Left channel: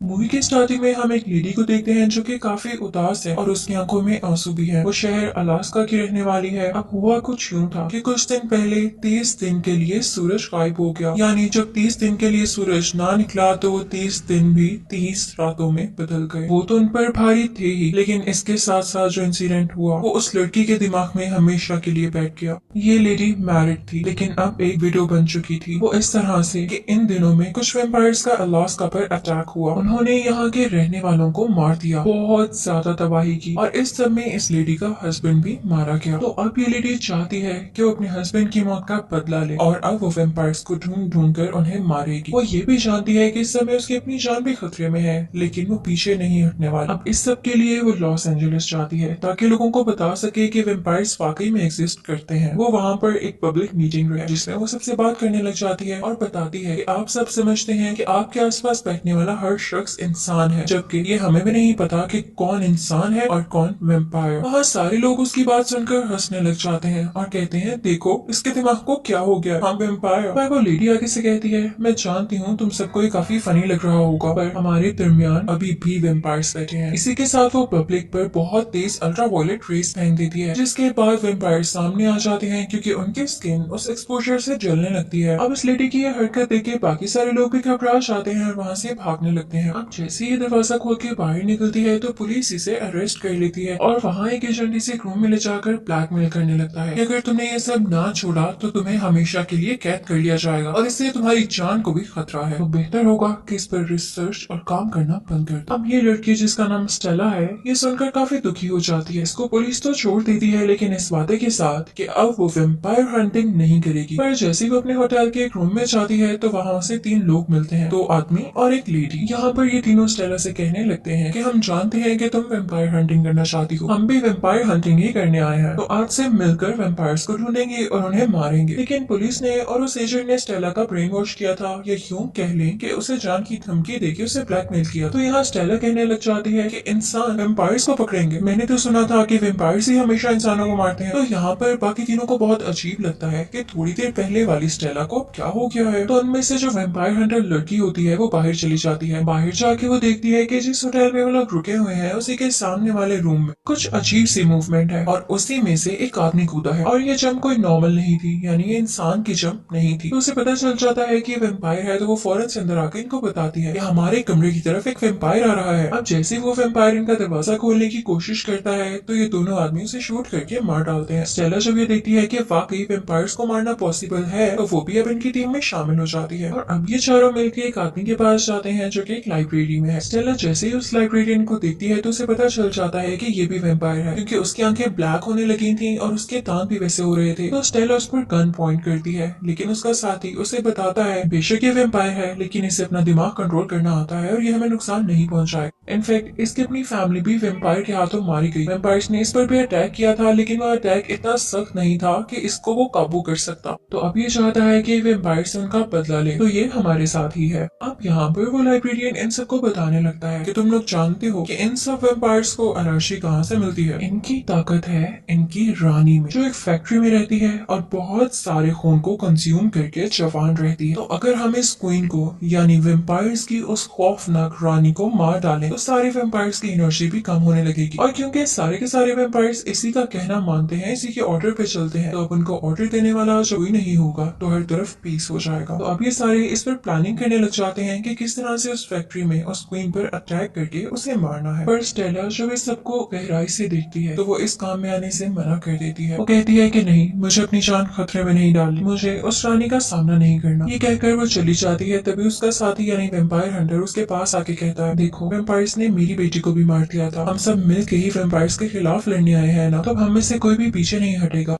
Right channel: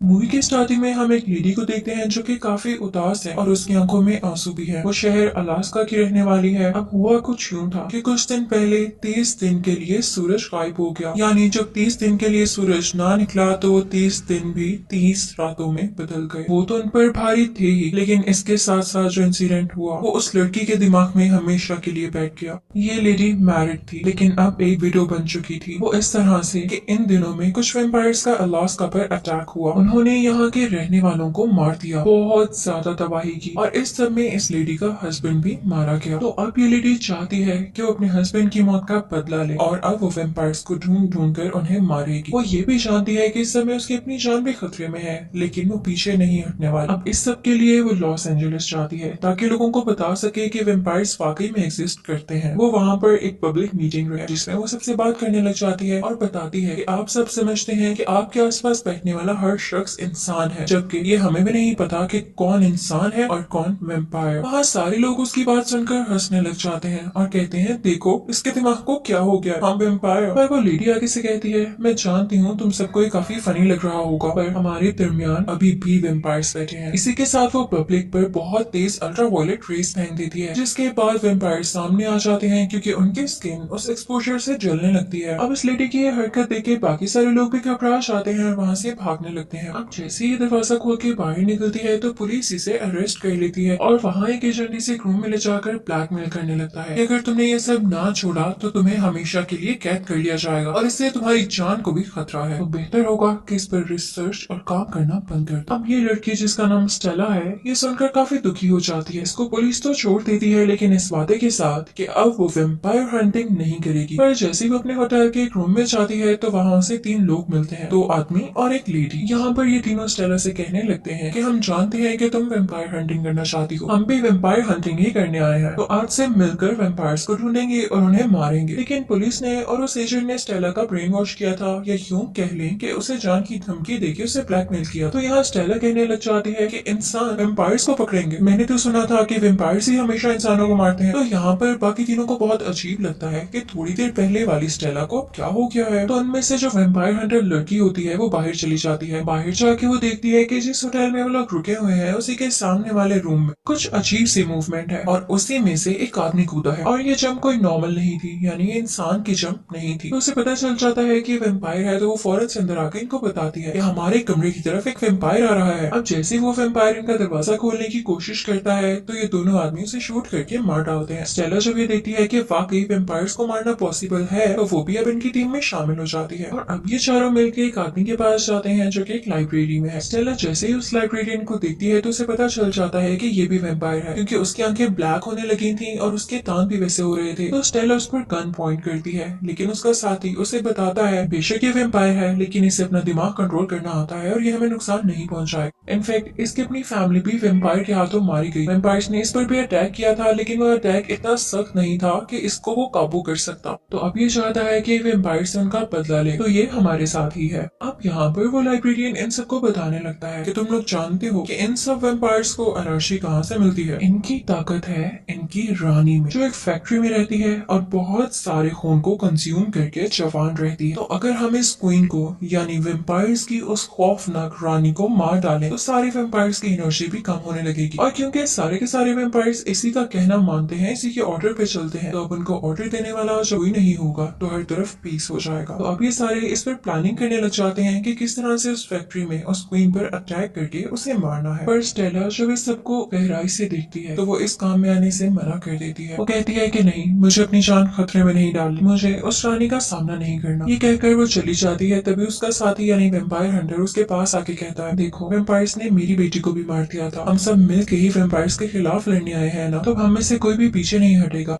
Movie के starting में हम एक लेडी को देखते हैं जो कि काफी उदास है और उसकी आंखों में आंसू भी है। वो शहर अलास्का की रहने वाली है। अब हुआ कुछ यूं था कि कुछ दिन पहले 30 दिन के लिए सूरज गायब हो गया। यानी जब 30 दिन के लिए सूरज ना निकला तो वो 30 दिन भी 30 रातों में बदल गए। वो तो उन पर भारी थे ही, लेकिन इसके साथ साथ जो इंसिडेंट हुआ वो उस लड़की के दिमाग में हमेशा के लिए बैठ गया। ये लेडी मैरिड थी लेकिन अब एक विडो बन चुकी थी। वो इस तरह से कि इन दिनों में कुछ वेम्पायर्स का अलास्का पर अटैक हुआ। उन्होंने यहाँ के रहने वालों को मार दिया, बहुत ज्यादा तबाही की, और इस सब में इस लेडी का हस्बैंड भी मारा गया। तो अब ये लेडी चाहती है कि वो अपने हस्बैंड की मौत का बदला ले और अब वो वेम्पायर्स को ढूंढ ढूंढ कर उन्हें मारेगी। वो ये भी जानती है कि इस समय उसकी अपनी जान भी खतरे में है, लेकिन वो पीछे नहीं हटने वाली। अब इस सब के लिए वो लॉस एंजलिस जाती है ताकि लोगों को बता सके कि वेम्पायर्स वाकई में एग्जिस्ट करते हैं। वो वहाँ पर एक पब्लिक मीटिंग है जिसमें वो सबसे बात करने लग जाती है और बताती है कि आप सब समझते हैं कि आपके आसपास बैठने वाला हर शख्स इंसान है, जबकि ये हमें भी नहीं पता कि कौन इंसान है और कौन वेम्पायर। वहाँ सारे लोग उसकी बात सुनकर हंसने लग जाते हैं और कहते हैं देखो इसके दिमाग को क्या हो गया, हम वेम्पायर। पर वो लेडी आगे से कहती है मैं जानती हूँ तुम सबको ये काफी फनी लग रहा होगा, पर हमारे दरमियान अभी भी वेम्पायर्स बैठे हैं। इसी के साथ वो पब्लिक पर बहुत तेज अल्ट्रावायलेट रेस फेंक देती है, जिसके बाद वेम्पायर सामने आ जाते हैं क्योंकि उनकी स्किन उस एक्सपोजर से जलने लगती है। अब इस लेडी की ये हरकत देख के बाकी सारे लोग भी घबरा जाते हैं और वहाँ से भागने लगते हैं। अब जैसे ही ये दरवाजा खोल के बाहर निकलती है तो पुलिस इसे अरेस्ट कर लेती है और वहाँ एक एजेंट इसे एक रूम में ले जाकर ब्लैकमेल करने लगता है कि अगर तुमने ये सब ना छोड़ा तो तुम्हें हमेशा के लिए कैद कर लिया जाएगा और इससे तुम्हारी जान को भी खतरा है, तो बेहतर होगा कि इस पर रिसर्च और काम करना बंद कर दो। अब ये लड़की जिसका नाम स्टेला है, ये सुनकर काफी दुखी हो जाती है। इसको पुलिस तो छोड़ देती है लेकिन इस वादे के साथ कि अब वो वेम्पायर हंटिंग नहीं करेगी। पर जैसे ही वो अपने होटल के एक रूम में जाती है तो वहाँ उसे 3 लोग मिलते हैं, 2 आदमी और एक लेडी। यहाँ पर ये तीनों स्टेला से कहने लगते हैं कि हम जानते हैं कि तुम वेम्पायर हंटिंग करना चाहती हो, हम भी वेम्पायर हंटिंग ही करने आए हैं, तो आज से मिलकर वेम्पायर्स को ढूंढेंगे और उन्हें मारेंगे। लेकिन पुलिस ने और उस एजेंट ने स्टेला का ब्रेन वॉश किया था, या यूं कह लें कि उसे जान की धमकी देके उसे ब्लैकमेल किया। तो यहाँ स्टेला कहने लग जाती है कि इंसान वेम्पायर्स को पकड़ेंगे, मैंने तो सुना था कि वेम्पायर्स ही हमेशा इंसानों को मारते हैं। तो यहाँ पर बाकी तीनों को बहुत अजीब लगता है कि थोड़ी देर पहले वाली स्टेला को क्या हो गया है। तो उनमें से जो वेम्पायर हंटर लड़की होती है वो बाहर चली जाती है। बाहर जाके वो देखती है कि जिस होटल में वो लोग रुके हुए हैं उसी के सामने वाले रूम में कुछ अजीब सी मूवमेंट है और उसी में से एक आदमी कूदा है और ये जंप कोई नॉर्मल नहीं थी, यानी ये इंसान की जंप नहीं थी। तो उसे पता चल जाता है कि वेम्पायर है, तो वो फौरन से अंदर आकर इनको बताती है कि हमारे कमरे की तरफ एक वेम्पायर आ रहा है। अब जैसे वो वेम्पायर इनका दरवाजा खोलने की कोशिश करता है तो ये दोनों आदमी उसे शूट करके मार डालते हैं। स्टेला जब ये देखती है कि वाकई वेम्पायर्स को मारना पॉसिबल है तो वो भी अब इनकी टीम में शामिल हो जाती है और अब ये चारों मिलकर एक आदमी के पास जाते हैं जो कि एक लाइब्रेरी में है। स्टेला जैसे ही उस लाइब्रेरियन को देखती है तो उसे पता चल जाता है कि ये भी वेम्पायर है, क्योंकि उसकी आंखें ब्लैक होने लगी थी और उसके दांत भी वैसे हो रहे थे। तो स्टेला उस पर गन पॉइंट करती है, लेकिन उसका साथी उसे बताता है बेशक ये वेम्पायर है लेकिन इसे अपना दिमाग कंट्रोल करना आता है और ये हमें नुकसान नहीं पहुंचाए। इनफैक्ट इसकी अपनी फैमिली भी वेम्पायर के हाथों मारी गई। वेम्पायर्स ने इस पर भी अटैक किया था लेकिन वह अटैक इतना सख्त नहीं था कि इसको वो काबू कर सकता। तो अब ये चाहता है कि वेम्पायर से उनका बदला ले, तो ये हमारे साथ ही है। अब यहाँ पर वो लाइब्रेरियन इन सबको बताने लगता है कि तुम लोग जानते हो कि इन सब वेम्पायर्स को एनर्जी कहाँ से मिलती है। इनकी ताकत है इनकी रानी में, जो एक फैक्ट्री में रहती है और बहुत सारे खून को कंज्यूम करके जवान रहती है। तो अगर हम इस क्वीन को यानी वेम्पायर्स की उस खौफनाक रानी को मार डालें तो सारे वेम्पायर्स की एनर्जी भी कम होने लगेगी। और क्योंकि सारे के सारे वेम्पायर्स इसी का कहना मानते हैं, इसी के ऑर्डर पे चलते हैं, तो अब उनको ऑर्डर देने वाला जो कोई नहीं होगा तो हर तरफ पीस हो जाएगा। तो अब ये सारे इस पर प्लानिंग करने लग जाते हैं कि किस तरह से उस फैक्ट्री में उस क्वीन पर अटैक करके उसे मारना है। पर स्टेला जब इस सबको गहराई से देखती है तो वो इस काम में आने से मना कर देती है। वो कहती है कि नहीं, मुझे अपनी जान खतरे में नहीं डालनी, मुझे उस रानी का सामना नहीं करना। ये कहकर वो चली जाती है। तभी उसका साथी यानी वेम्पायर हंटर उसके पास आके कहता है देखो, वेम्पायर्स ने मेरी बेटी को भी मार दिया था, हम सब मिल के ही वेम्पायर्स के खिलाफ लड़ने आए हैं ना, तो हम में से कोई भी पीछे नहीं हटेगा।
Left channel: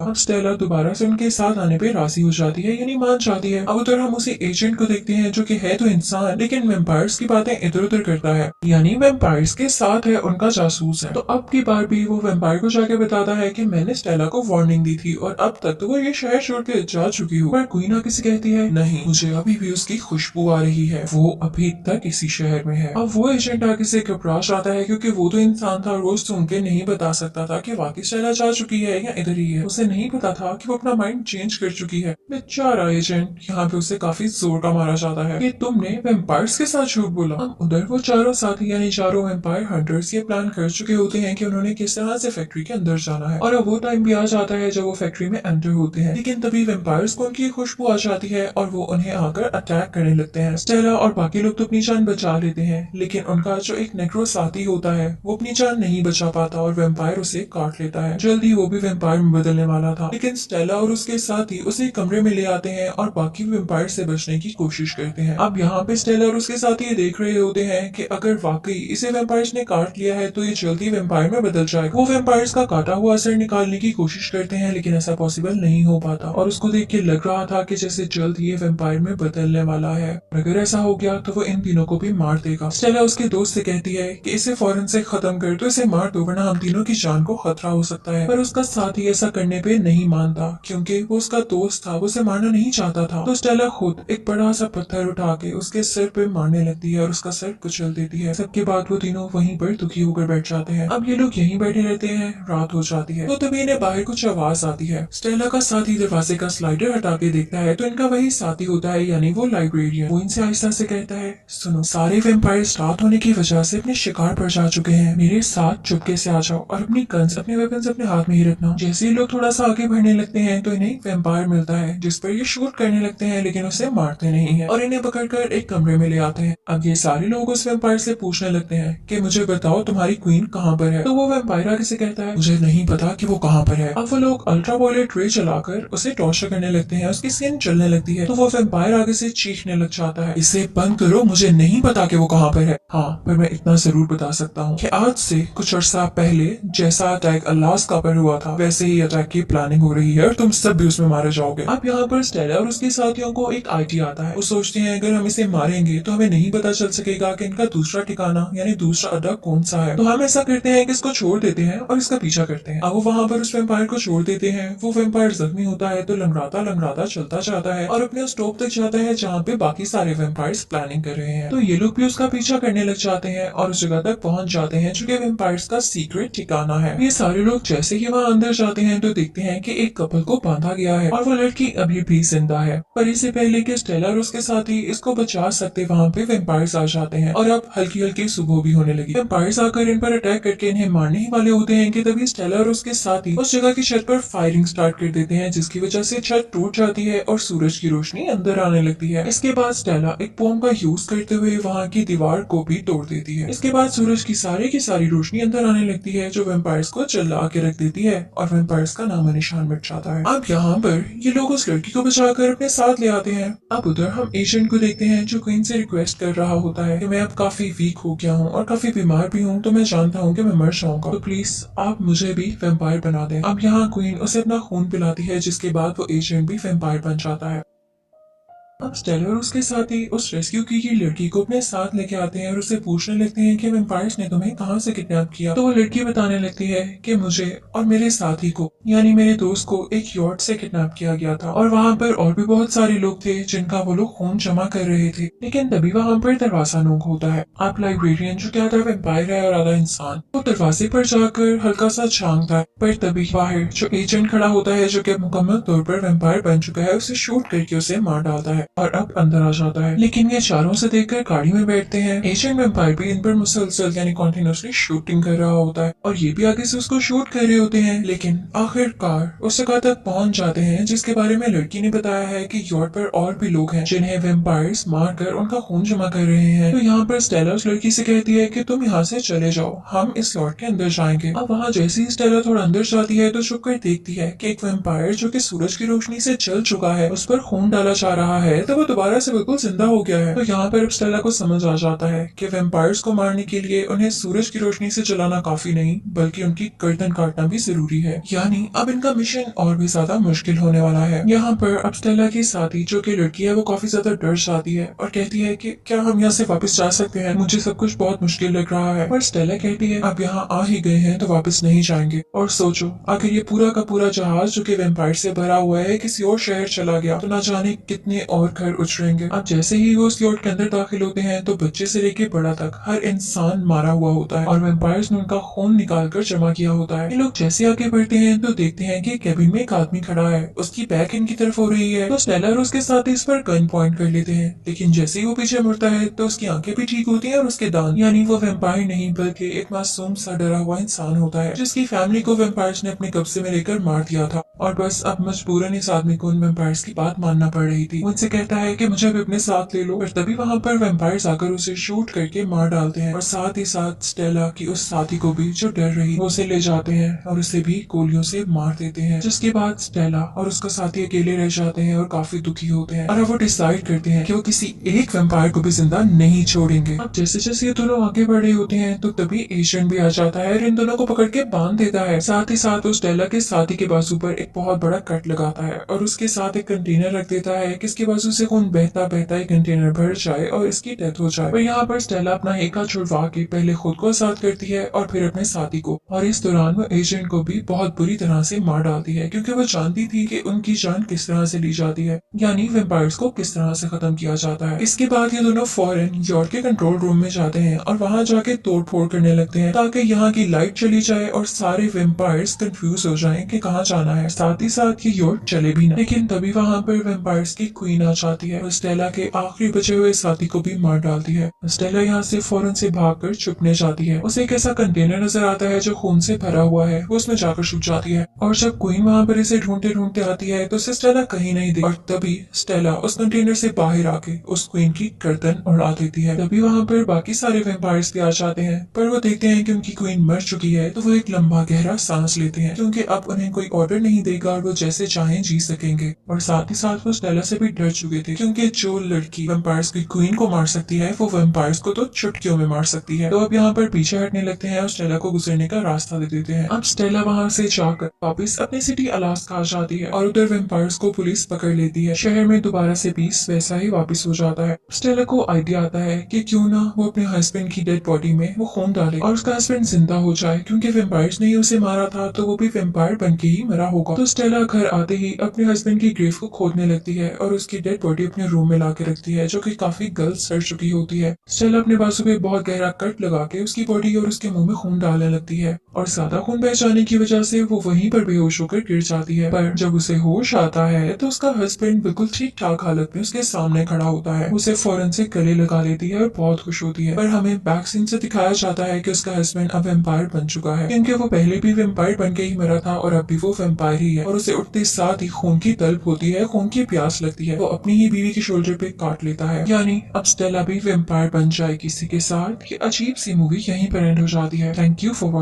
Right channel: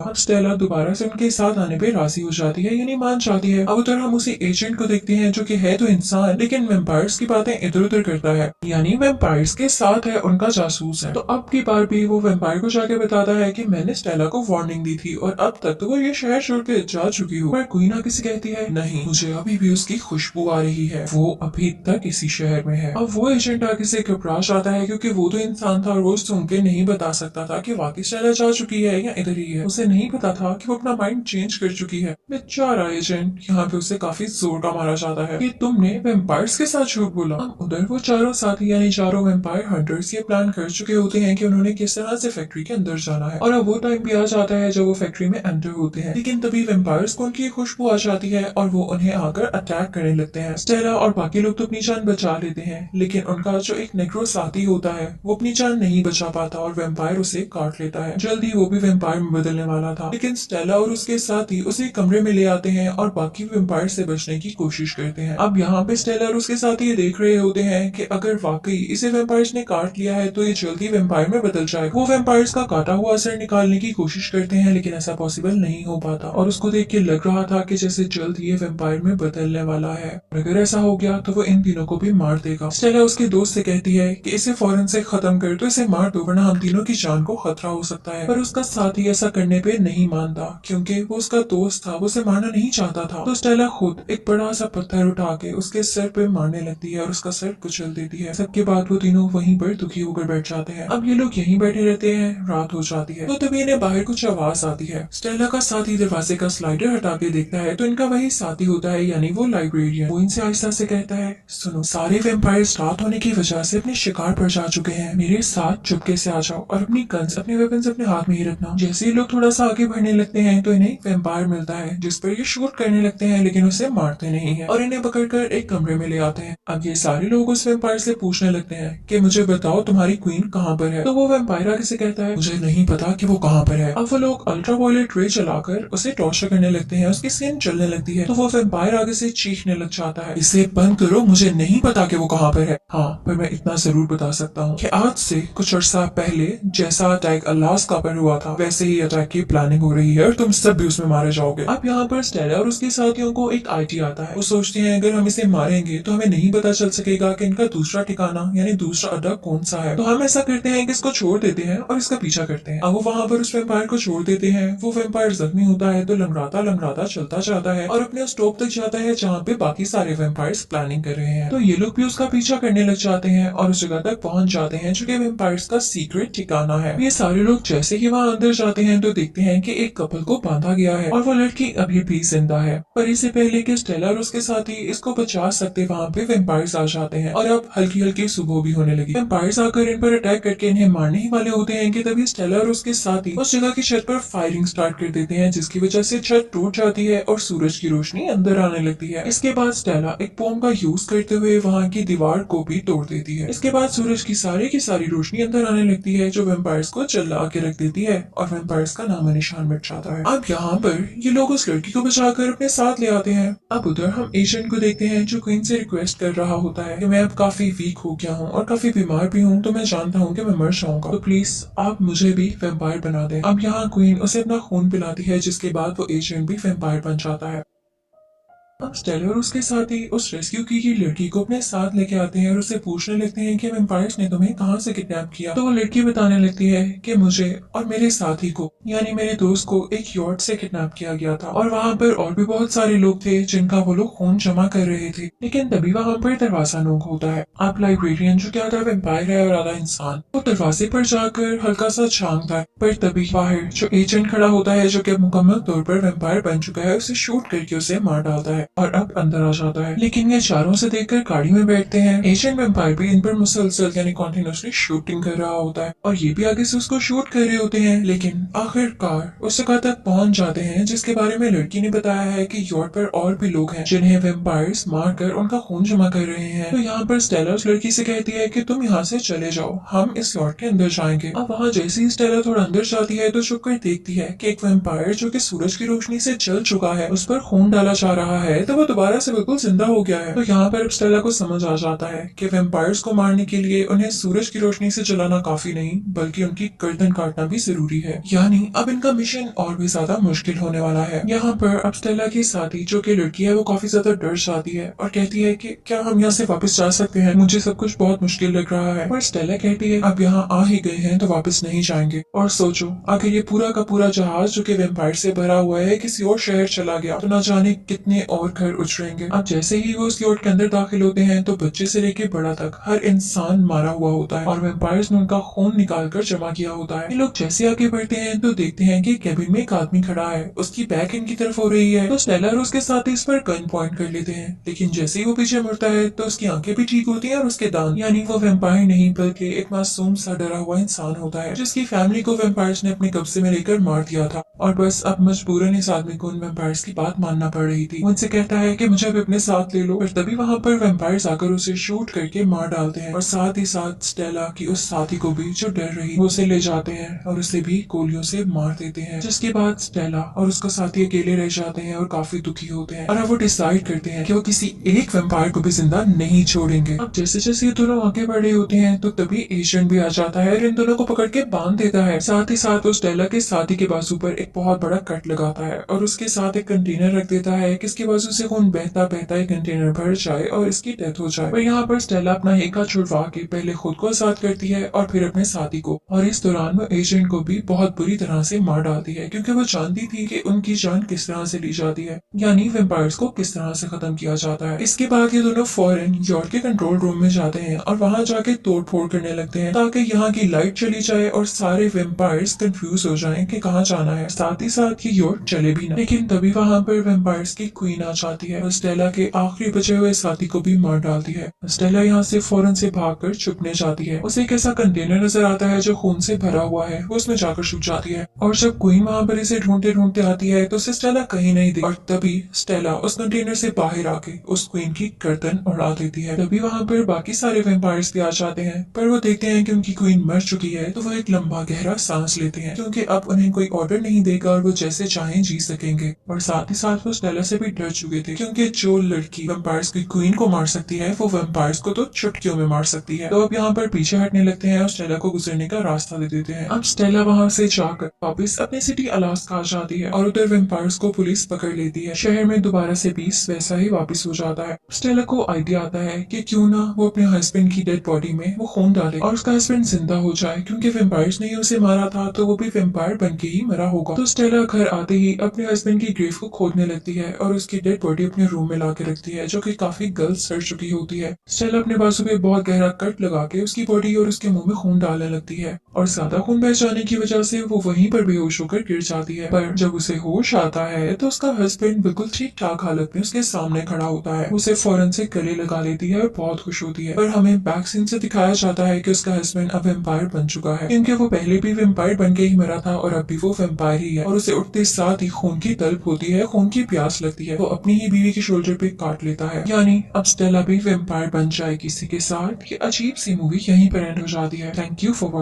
अब स्टेला दोबारा से उनके साथ आने पे राजी हो जाती है, यानी मान जाती है। अब उधर हम उसी एजेंट को देखते हैं जो कि है तो इंसान लेकिन वेम्पायर्स की बातें इधर उधर करता है, यानी वेम्पायर्स के साथ है, उनका जासूस है। तो अब की बार भी वो वेम्पायर को जाके बताता है कि मैंने स्टेला को वार्निंग दी थी और अब तक तो वो ये शहर छोड़ के जा चुकी हूँ। पर क्वीन आके से कहती है नहीं, मुझे अभी भी उसकी खुशबू आ रही है, वो अभी तक इसी शहर में है। अब वो एजेंट आके से घबरा जाता है क्योंकि वो तो इंसान था और वो सुन के नहीं बता सकता था कि वाकई स्टेला जा चुकी है या इधर ही है। उसे नहीं पता था कि वो अपना माइंड चेंज कर चुकी है। बेचारा एजेंट, यहाँ पे उसे काफी जोर का मारा जाता है कि तुमने वेम्पायर्स के साथ झूठ बोला। अब उधर वो चारों साथी यानी चारों वेम्पायर हंटर्स ये प्लान कर चुके होते हैं कि उन्होंने किस तरह से फैक्ट्री के अंदर जाना है, और अब वो टाइम भी आ जाता है जब वो फैक्ट्री में एंटर होते हैं। लेकिन तभी वेम्पायर्स को उनकी खुशबू आ जाती है और वो उन्हें आकर अटैक करने लगते हैं। स्टेला और बाकी लोग तो अपनी जान बचा लेते हैं, लेकिन उनका जो एक नेग्रो साथी होता है वो अपनी जान नहीं बचा पाता और वेम्पायर उसे काट लेता है। जल्द ही वो भी वेम्पायर में बदलने वाला था, लेकिन स्टेला और उसके साथी उसे कमरे में ले आते हैं और बाकी वेम्पायर से बचने की कोशिश करते हैं। अब यहाँ पे स्टेला और उसके साथी ये देख रहे होते हैं कि अगर वाकई इसे वेम्पायर्स ने काट लिया है तो ये जल्दी वेम्पायर में बदल जाएगा। वो वेम्पायर्स का काटा हुआ असर निकालने की कोशिश करते हैं, लेकिन ऐसा पॉसिबल नहीं हो पाता और उसको देख के लग रहा था कि जैसे जल्द ये वेम्पायर में बदलने वाला है। अगर ऐसा हो गया तो वो इन तीनों को भी मार देगा। स्टेला उसके दोस्त से कहती है कि इसे फौरन से खत्म कर दो, इसे मार दो, वरना हम तीनों की जान को खतरा हो सकता है। पर उसका साथी ऐसा करने पे नहीं मानता, क्योंकि वो उसका दोस्त था, वो उसे मारना नहीं चाहता था। तो स्टेला खुद एक बड़ा सा पत्थर उठा के उसके सर पे मारने लगती है और उसका सर कुचल देती है। सबके बाद वो तीनों वहीं पर दुखी होकर बैठ जाते हैं। अब ये लोग यहीं बैठे रहते हैं, रात हो जाती है। तो तभी इन्हें बाहर कुछ आवाज आती है। स्टेला का साथी दरवाजे का स्लाइडर हटा के देखता है तो इनका वही साथी होता है, यानी वो लाइब्रेरियन। वो इनसे आहिस्ता से कहता है, सुनो, सारे वेम्पायर्स रात होने की वजह से अपने शिकार पर जा चुके हैं। मेरे साथ चुपके से आ जाओ और अपनी गन्स, अपने वेपन्स अपने हाथ में ही रखना। जैसे ही लोग थोड़ा सा आगे बढ़ने लगते हैं तो इन्हें एक वेम्पायर मिलता है, जिस पर ये शूट करने लगते हैं, लेकिन उसे मारते नहीं है और इन्हें पकड़कर एक कमरे में ले आते हैं। अब ये सारे लोग उस वेम्पायर से पूछने लगते हैं कि मुझे बताओ तुम्हारी क्वीन कहाँ पर है। तो वो वेम्पायर आगे से कहता है, मुझे नहीं पता कि वो कहाँ पर है। अब वो लोग अल्ट्रावायलेट रे चलाकर उसे टॉर्चर करने लगते हैं, उसकी स्किन जलने लगती है। तो वो वेम्पायर आगे से चीखने लग जाता है, इसे बंद करो, मुझे नहीं पता कि वो कहाँ पर है। हाँ, पर मैं इतना जरूर बता सकता हूँ कि आज से कुछ अर्सा पहले जैसा अटैक अलास्का पर हुआ था, वैसे ही अटैक की प्लानिंग हो रही है और तुम सब भी उसमें मारे जाओगे। अब यहाँ पर स्टेला और उसके साथियों को एक आइडिया आता है। वो सोचते हैं अगर हम इसे मारेंगे तो हमें नहीं पता चल सकेगा कि इनका दूसरा ठिकाना यानी दूसरा अड्डा कौन सा है। तो हम ऐसा करते हैं कि इसको छोड़ देते हैं और इसका पीछा करते हैं। अब वो वहां पर उस वेम्पायर को छोड़ देते हैं। वो वेम्पायर जख्मी होता है तो लंगड़ाता लंगड़ाता चलता जाता है और अपने उस टॉप तक जाता है जहाँ पे बाकी सारे वेम्पायर्स प्लानिंग कर रहे हैं। तो ये लोग भी उसका पीछा करने लग जाते हैं और उस जगह तक पहुंच जाते हैं जो कि वेम्पायर्स का सीक्रेट ठिकाना है। ये सारे लोग जैसे ही वहाँ अंदर जाते हैं तो देखते हैं कि एक कपल को बांधा गया है और वो लड़की अभी भी जिंदा है। पर इससे पहले कि स्टेला और उसके साथी इसको बचा सकते, वहाँ पे वेम्पायर्स आ जाते हैं और अब हल्की हल्की सुबह भी होने लगी। वेम्पायर्स आकर इन पर अटैक करके इन्हें मारने ही वाले होते हैं कि तभी स्टेला और उसके साथी उस जगह की छत पर फायरिंग स्टार्ट कर देते हैं, जिसकी वजह से छत टूट जाती है और सूरज की रोशनी अंदर आने लगती है। इसके बाद स्टेला एक बॉम्ब का यूज करते हुए वहाँ की दीवार को भी तोड़ देती है। इसके बाद सूरज की सारी रोशनी अंदर आने लगती है जो वेम्पायर्स को चिल्ला के रख देती है और वेम्पायर्स का नामो निशान मिट जाता है। अब यहाँ पर ये लोग उस लड़की को बचाकर अपने साथ ले आते हैं। अब उधर हम एजेंट को देखते हैं जो क्वीन से रिक्वेस्ट कर रहा होता है कि मैं अब काफी वीक हो गया हूँ और काफी बीमार भी हूँ, तो मैं जानता हूँ कि मैं मर जाऊंगा, तो प्लीज आप मुझे भी वेम्पायर बना दें। अब यहाँ क्वीन उसे अपना खून पिलाती है, जिसके बाद वो एजेंट भी वेम्पायर बन जाता है। अब स्टेला और उसके साथी उस रेस्क्यू की गई लड़की को अपने साथ लेके आते हैं और उससे पूछने लगते हैं कि वेम्पायर्स ने तुम्हें कहाँ से किडनैप किया। तो वो लड़की बताने लगती है कि मुझे और मेरे साथी को यानी मेरे दोस्त को एक यॉट से किडनैप किया गया था और वहाँ पर और भी बहुत सारे लोग थे जिनका वो लोग खून जमा कर रहे थे। लेकिन तभी वहाँ पर दरवाजा नॉक होता है। आप लाइब्रेरियन जो कि आधा वेम्पायर है और आधा इंसान, वो दरवाजे पर जाकर हल्का सा झांकता है, पर तभी बाहर जो एजेंट खड़ा होता है जो कि मुकम्मल तौर पर वेम्पायर बन चुका है, उसे शूट करके उसे मार डालता है और अब अंदर आ जाता है। लेकिन ये चारों से देखकर गाड़ी में बैठते हैं। एजेंट वेम्पायर भी इन पर मुसलसल यानी कॉन्टिन्यूसली शूटिंग कर रहा होता है और ये भी आगे से उसको शूट कर रहे होते हैं। लेकिन आखिरकार उस जगह तक पहुंच जाते हैं जिसके बारे में लड़की ने बताया है कि यॉट पर और भी लोग हैं जिन्हें वेम्पायर्स मारकर उनका खून जमा कर रहे हैं। तो यहाँ पर स्टेला उस लड़की से कहती है कि तुम यहाँ से चले जाओ, हम इस यॉट के अंदर जाएंगे। अब वहाँ जैसे ही स्टेला थोड़ा अंदर जाती है तो छुप कर देखती है कि एक वेम्पायर जो कि सूरज की रोशनी से जल चुका है, उस पर खून डाला जा रहा है, तो वो दोबारा से बिल्कुल जिंदा हो गया है। तो यहाँ पर अब स्टेला को समझ आ जाता है कि वेम्पायर्स को मारने के लिए उन्हें सूरज की रोशनी से जलाना काफी नहीं, बल्कि उनकी गर्दन काटना भी जरूरी है। यानी अब इनका मिशन और भी ज्यादा मुश्किल होने वाला है। यहाँ पर अब स्टेला की साथी जो कि लड़की है वो काफी ज्यादा डर जाती है और कहती है कि क्या हम यहाँ से वापस जा सकते हैं, मुझे सब कुछ बहुत मुश्किल लग रहा है। पर स्टेला कहती है अब यहाँ आ ही गए हैं तो वापस नहीं जाएंगे। और सोचो अगर ये पूरा का पूरा जहाज जो कि वेम्पायर से भरा हुआ है किसी और शहर चला गया तो ना जाने कितने और और घर उजड़ेंगे। अब जैसे ही वो उस यॉट के अंदर दाखिल होते हैं तो बच्चे से लेके बड़ा तक हर इंसान मारा हुआ होता है और वेम्पायर्स ने उनका खून निकाल कर जमा किया होता है। ये लोग जैसे आगे बढ़ते हैं तो देखते हैं कि कैबिन में एक आदमी खड़ा है, उसकी बैक इनकी तरफ हो रही है तो स्टेला और उसके साथ इस पर गन पॉइंट कर लेते हैं। लेकिन जैसे ही वो पीछे मुड़ता है तो उसकी आंखें भी ठीक होती हैं और उसके दांत, यानी वो वेम्पायर नहीं बल्कि एक मासूम सा डरा हुआ इंसान होता है जिसकी फैमिली को वेम्पायर्स ने अपने कब्जे में लेकर मार दिया था और बस अब मजबूरन इस आदमी को उन वेम्पायर्स की बात मानना पड़ रही थी। वो उनसे कहता है कि मुझे भी अपने साथ ले लो, पर तभी वहां पर वेम्पायर्स आकर उसे शूट करके मार डालते हैं और साथ ही साथ स्टेला की उस साथी को भी जो डर रही वो उसे ले जाते हैं और उसे भी गोलियों से मार देते हैं। जिसके बाद स्टेला और उसका साथी अकेले रह जाते हैं और काफी दुखी होते हैं और अब वो डिसाइड करते हैं कि वो किसी एक वेम्पायर को भी जिंदा नहीं छोड़ेंगे। अब जैसे जैसे ये दोनों आगे बढ़ रहे होते हैं तो तभी एजेंट भी आ जाता है और इन दोनों को पकड़ के बांध देता है। साथ ही साथ वो स्टेला के साथी के बाजू पर एक बहुत बड़ा कट लगाता है और उसके साथ एक कंटेनर रख देता है कि इसके बाजू से खून बहता बहता एक कंटेनर भर जाए और इसकी डेथ हो जाए। पर यहाँ पर स्टेला अपना हेका छुड़वा के पहले खुद को आजाद करती है और फिर अपने साथी को, और इस दौरान वो एजेंट को भी बहुत बुरी तरह से मार डालती है क्योंकि वो जानती थी कि उनकी जान किस तरह से ली जाती है, यानी वेम्पायर्स को किस तरह से खत्म किया जाता है। इसके बाद ये दोनों फौरन यॉर्क के कंट्रोल रूम में जाते हैं और वहां जाके तोड़ फोड़ करने लगते हैं ताकि यहाँ की लाइट चली जाए और सारे वेम्पायर्स कंफ्यूज हो जाएं कि कहाँ जाना है। साथ ही साथ ये यॉर्क चले भी ना। लेकिन तभी वहां पर वेम्पायर्स की क्वीन आ जाती है और स्टेला के आखिरी बचे हुए साथी को भी मार डालती है। स्टेला यहाँ से फौरन से भागकर छुपने जाती है। उसे एक ऐसा कंटेनर नजर आता है जो खून से भरा हुआ है, वो उसमें जाकर छुप जाती है और जब क्वीन वहां पर इसे ढूंढते ढूंढते आती है तो उसे स्टेला कहीं नहीं दिखती और तभी स्टेला उस कंटेनर से बाहर आके उस क्वीन की गर्दन उड़ा देती है। तभी वहां पर बाकी सारे वेम्पायर्स भी आ जाते हैं, पर वो देखते हैं कि उनकी क्वीन मर चुकी है तो वो एक लंबा गहरा सांस लेते हैं क्योंकि अब उन्हें कोई ऑर्डर नहीं देगा और वो जैसे चाहें जी सकेंगे। और साथ ही साथ वो स्टेला से भी डर चुके थे क्योंकि जो लड़की वेम्पायर्स की क्वीन को मार सकती है वो वेम्पायर्स को तो चुटकियों में मार सकती है। तो अब यहाँ पर पीछे हटने लगते हैं और स्टेला को गुजरने का रास्ता दे देते हैं। अब स्टेला वहां से जाकर वापस अपनी सिटी अलास्का आ जाती है और उधर वेम्पायर्स को पुलिस पकड़ लेती है। शहर में दोबारा से पीस वैसा ही वापस हो जाता है। स्टेला को आइडिया आता है कि क्यों ना वो अपने हस्बैंड की डेड बॉडी में वो खून डाले और उसका हस्बैंड जिंदा हो जाए क्योंकि वेम्पायर्स ने ही उसे मारा था तो वो भी वेम्पायर बन के ही मरा होगा। तो स्टेला घर आते ही अपने हस्बैंड की ग्रेव को खोदने लगती है और उसकी डेड बॉडी अपने रूम में लाके रखती है जो कि काफी गलत सड़ चुकी होती है। स्टेला अपने बाजू पे बहुत गहरा कट लगा के उसकी बॉडी और उसके मुंह में खून डालने लगती है और ज्यादा खून बह जाने की वजह से वो वहीं पर बेहोश होकर गिर जाती है। पर जब उसे होश आता है तो उसका हस्बैंड बिल्कुल ठीक ठाक हालत में उसके सामने खड़ा होता है। उसे फौरन से गले लगा लेती है और बहुत खुश होती है। पर हमें बैक सीन से दिखाया जाता है कि उसका हस्बैंड अब वेम्पायर बन चुका है क्योंकि वो पहले भी वेम्पायर बन के ही मरा था और अब भी वो वेम्पायर ही है और उसे उठते साथ ही खून की तलब होती है, खून की प्यास लगती है। वो अपनी ही बीवी के शोल्डर पे काट लेता है, यानी अब स्टेला भी वेम्पायर बन जाएगी। इसी के साथ ये अजीब सी मूवी यहीं पर एंड हो जाती है। Thank you for watching.